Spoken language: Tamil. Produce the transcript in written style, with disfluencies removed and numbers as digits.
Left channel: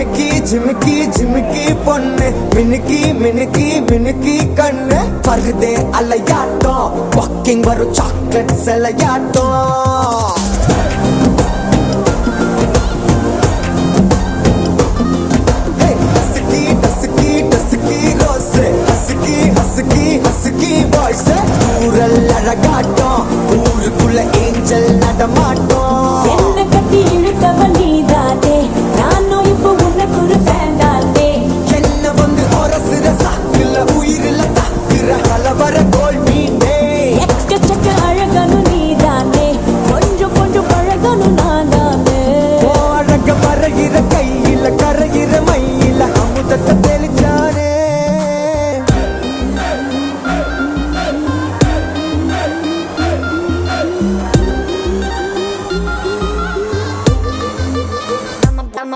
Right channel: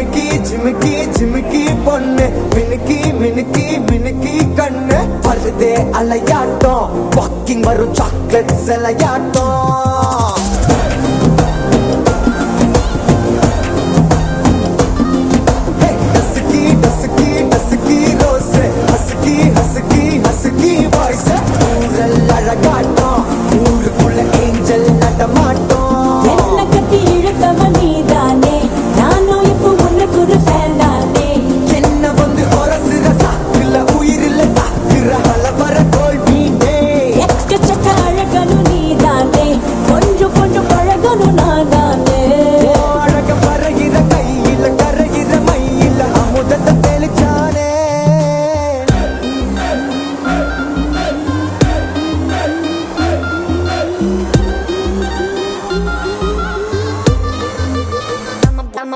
ஜிமிக்கி ஜிமிக்கி ஜிமிக்கி பொண்ணு மினுக்கி மினுக்கி மினுக்கி கண்ணு வருதே அலையாட்டம் வாக்கிங் வரும் சாக்லேட் சிலையாட்டம்